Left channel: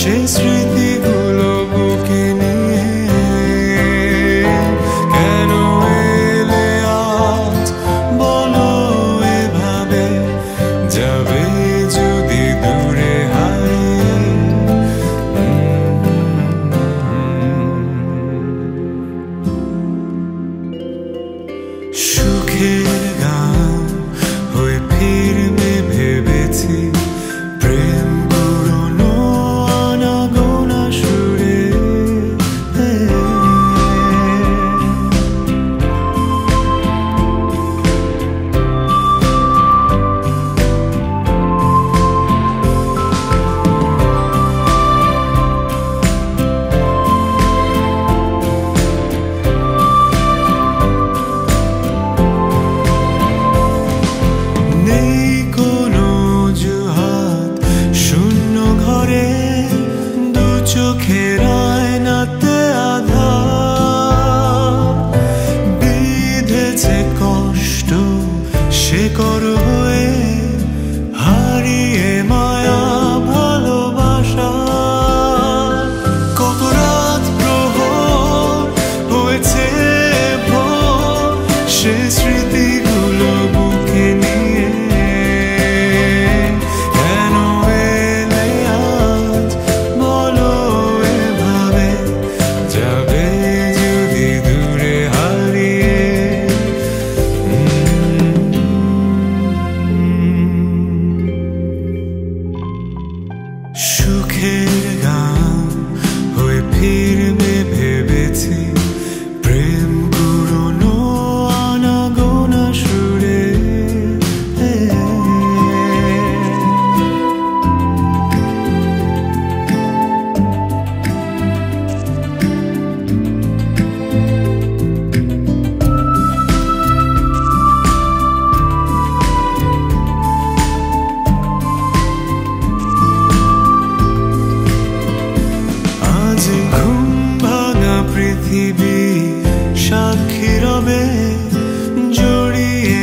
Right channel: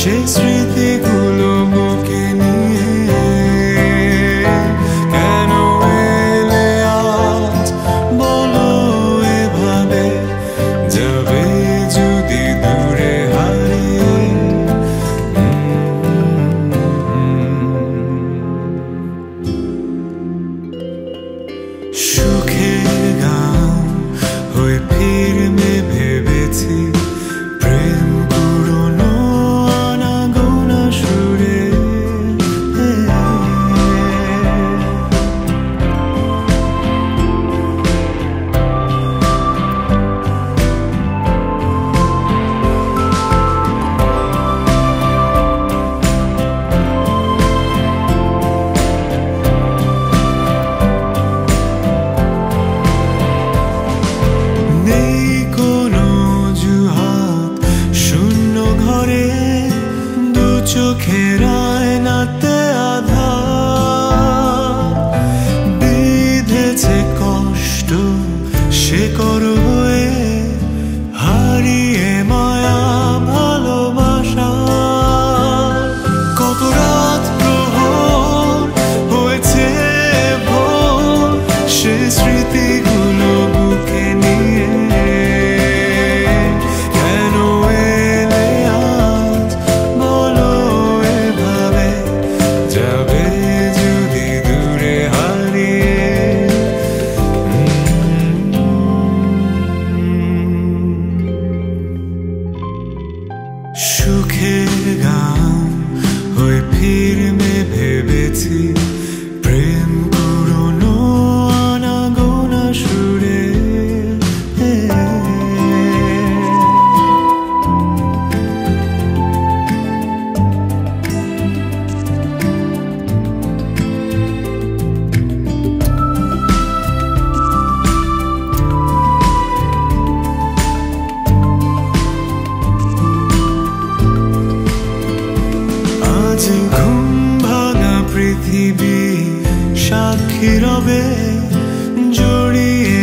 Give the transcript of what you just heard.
সে স্মৃতিগুলো বুকে নিয়ে কেন এলে আজ বলো এভাবে যাবে যদি দূরে হারিয়ে সুখের গান হয়ে ফিরবে ভেবেছি প্রেম পুরনো আনাগোনা সুরে নেই কোনো অজুহাত শূন্য ঘরে দু চোখের আয়নাতে আধার বিঁধেছে কষ্ট শেকড় হয়ে হারিয়ে মায়া ভালোবাসা কত রাত প্রহর হয়েছে ভোর সে স্মৃতিগুলো বুকে নিয়ে কেন এলে আজ বলো এভাবে যাবে যদি দূরে হারিয়ে সুখের গান হয়ে ফিরবে ভেবেছি প্রেম পুরনো আনাগোনা সুরে আজ ঘুম ভাঙা পৃথিবী সাক্ষী রবে জড়িয়ে